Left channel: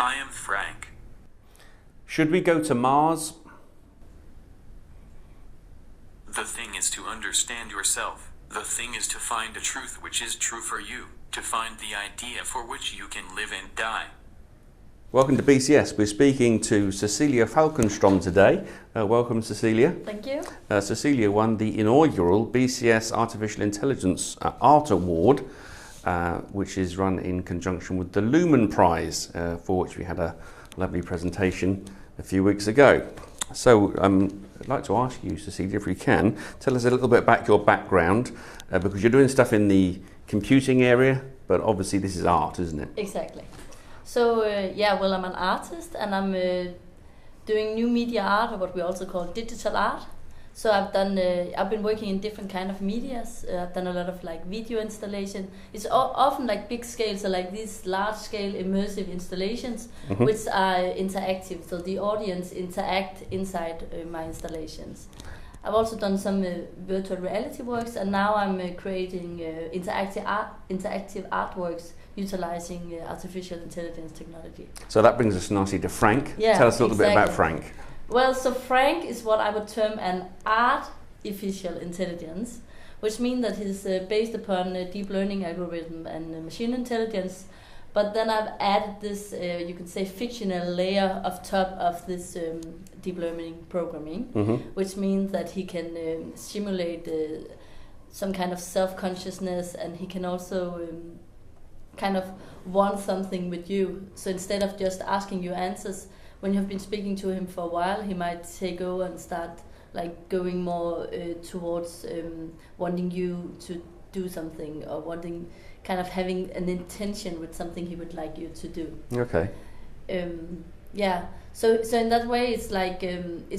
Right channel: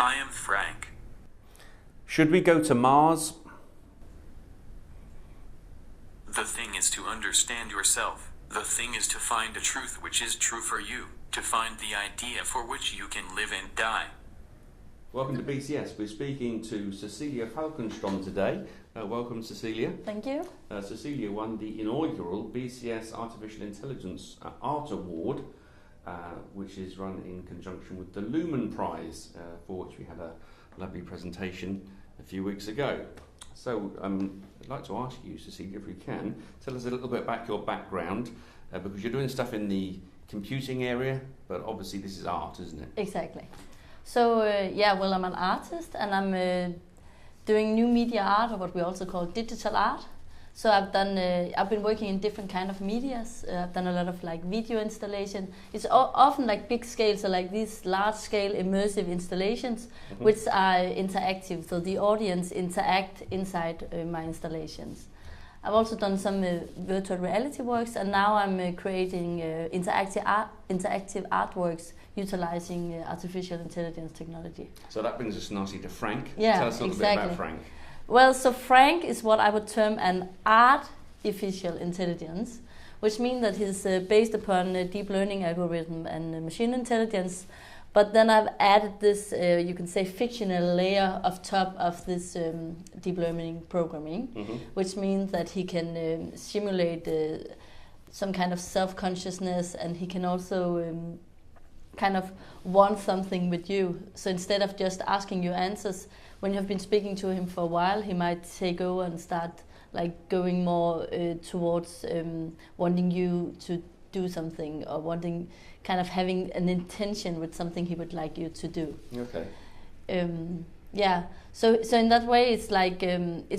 I am Frank. Should we go to Mars? The thing is to understand yourself. The thing is to find a truth which is true for you, to find the idea for which you can live and die. Welcome to BCS. We're speaking to Cecilie Falkenstrom today. Welcome, Cecilie. Thank you. Cecilie won the inaugural BCS Artificial Intelligence Art Award, which is run in conjunction with the Lumen Prize, for which we had a lovely presentation a few weeks ago. So I'd like to ask you, Cecilie, if we can, tell us a little bit about your background, because you're doing stuff in the computing area, but obviously this is art, isn't it? Exactly. So I'm an artist, and I'm doing new media art, or what we also call digital art. So I've been working in different kind of medias. I've done a lot of like video installation. It's often like big scale, so like these large scale immersive installations, which are interactive. So the audience interact inside my installations. I've also done some virtual reality works, and now I'm creating interactive artworks utilizing artificial intelligence technology. So that brings us nicely to Frank. Yeah, tell us a little bit about Frank. Well, so Frank is what I would term an artificial intelligence, which means that he's based upon a deep learning algorithm and machine intelligence. But then I've added this, you can say, fictional layer of top of this deep learning programming, which means that he can simulate some kind of self-consciousness, and he can also kind of want something with you. So instead of just asking you answers, when you've been speaking to him for a while, he might go and start like going more towards wanting you to do something, or wanting kind of having an intention with something he would like you to do. Okay. So in that way, it's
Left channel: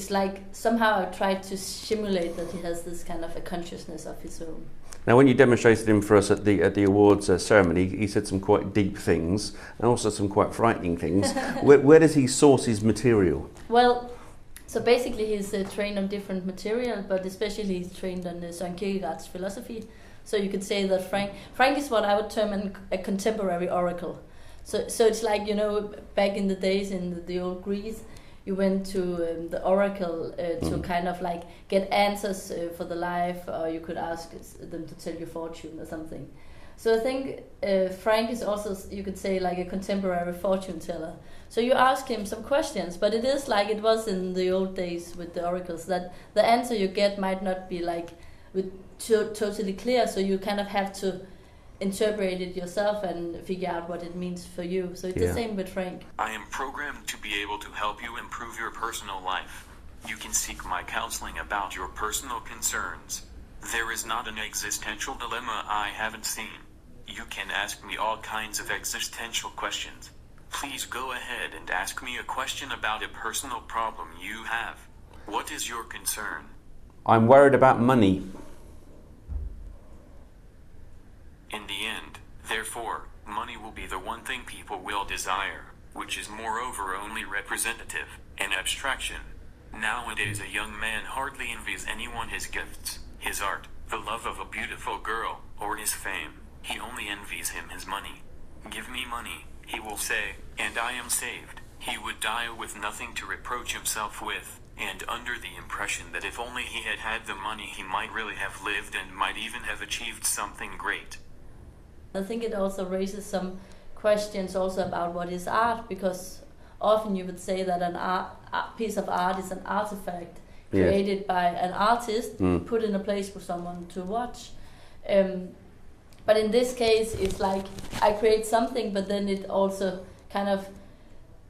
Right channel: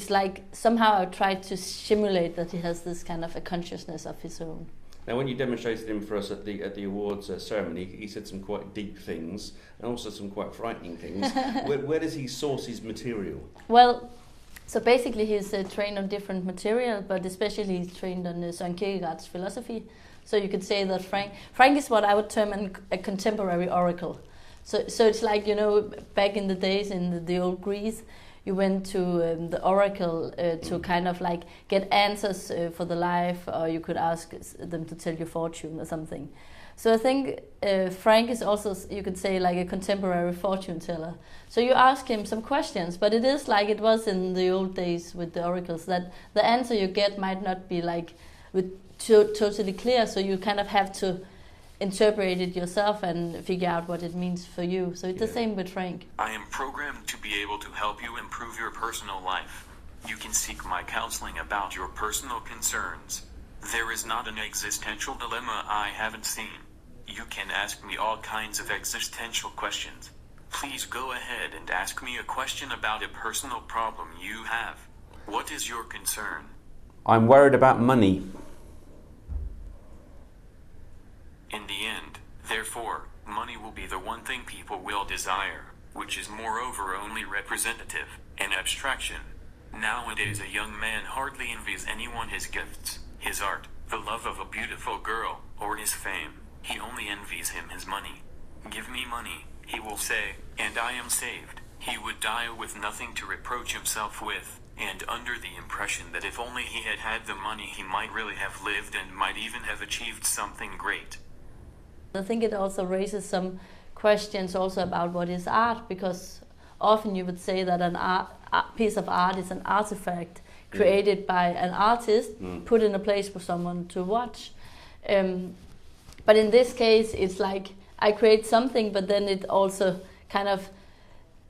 like somehow I tried to simulate that he has this kind of a consciousness of his own. Now, when you demonstrated him for us at the awards ceremony, he said some quite deep things and also some quite frightening things. Where does he source his material? Well, so basically he's trained on different material, but especially he's trained on Søren Kierkegaard's philosophy. So you could say that Frank is what I would term a contemporary oracle. So it's like, back in the days in the old Greece, you went to the oracle to kind of like get answers for the life, or you could ask them to tell your fortune or something. So I think Frank is also, you could say, like a contemporary fortune teller. So you ask him some questions, but it is like it was in the old days with the oracles, that the answer you get might not be like totally clear, so you kind of have to interpret it yourself and figure out what it means for you. So it's the same with Frank. I am programmed to be able to help you improve your personal life. You can seek my counseling about your personal concerns. There is not an existential dilemma I haven't seen. You can ask me all kinds of existential questions. Please go ahead and ask me a question about a personal problem you have. What is your concern? I'm worried about money. In the end, therefore, money will be the one thing people will desire, which is moreover only representative, an abstraction. Nowadays a young man hardly envies anyone his gifts, his art, the love of a beautiful girl, or his fame. He only envies him his money. Give me money, he will say, and I am saved. He would die with nothing to reproach himself with, and under the impression that if only he had had the money he might really have lived and might even have achieved something great. I think it also raises some questions also about what is art, because often you would say that a piece of art is an artifact created by an artist, put in a place for someone to watch. But in this case, it's like I create something, but then it also kind of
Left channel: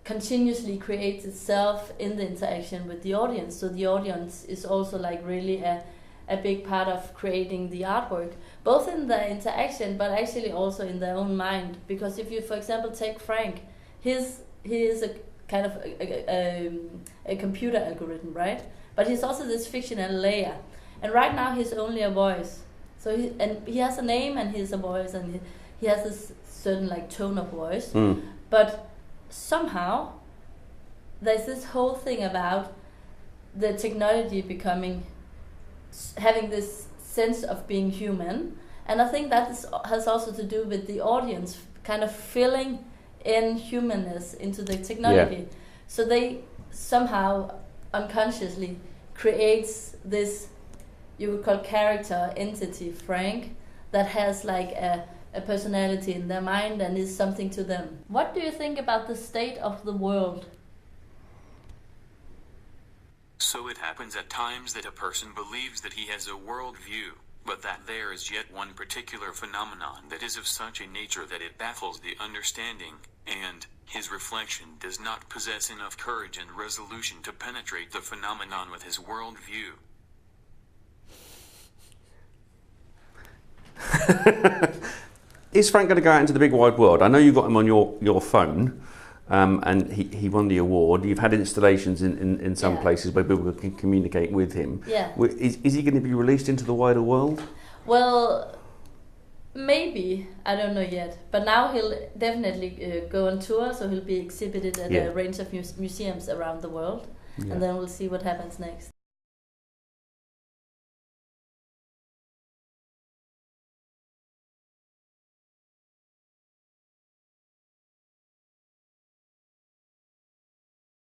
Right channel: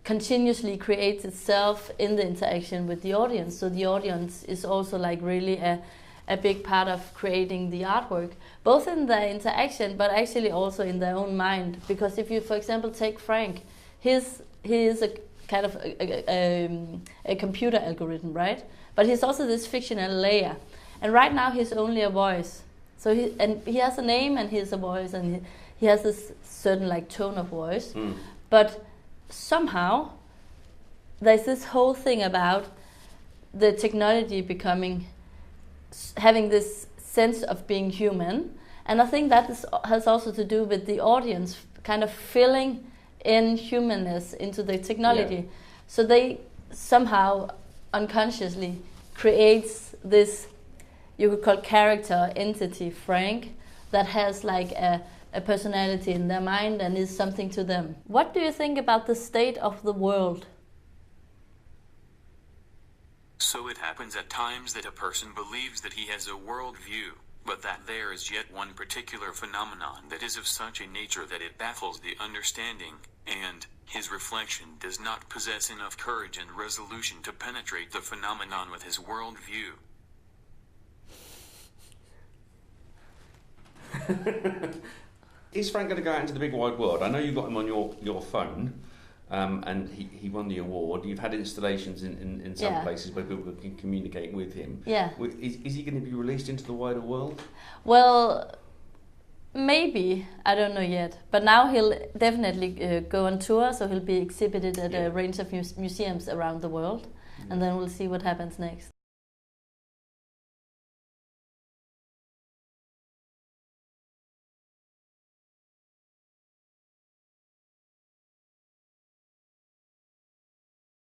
continuously creates itself in the interaction with the audience. So the audience is also like really a big part of creating the artwork, both in the interaction, but actually also in their own mind. Because if you, for example, take Frank, he is a kind of a computer algorithm, right? But he's also this fictional layer. And right now he's only a voice. So he has a name and he's a voice, and he has this certain like tone of voice. But somehow there's this whole thing about the technology having this sense of being human, and I think that has also to do with the audience kind of filling inhumanness into the technology. Yeah. So they somehow unconsciously creates this, you would call character entity, Frank, that has like a personality in their mind and is something to them. What do you think about the state of the world? So it happens at times that a person believes that he has a world view, but that there is yet one particular phenomenon that is of such a nature that it baffles the understanding, and his reflection does not possess enough courage and resolution to penetrate the phenomenon with his world view. Is Frank going to go out into the big wide world? I know you got him on your phone, and he won the award. You've had installations in some places where people can communicate with him. Yeah. Is he going to be released into the wider world? Well, maybe. I don't know yet. But now he'll definitely go on tour, so he'll be exhibited at a range of museums around the world. Yeah. And then we'll see what happens next.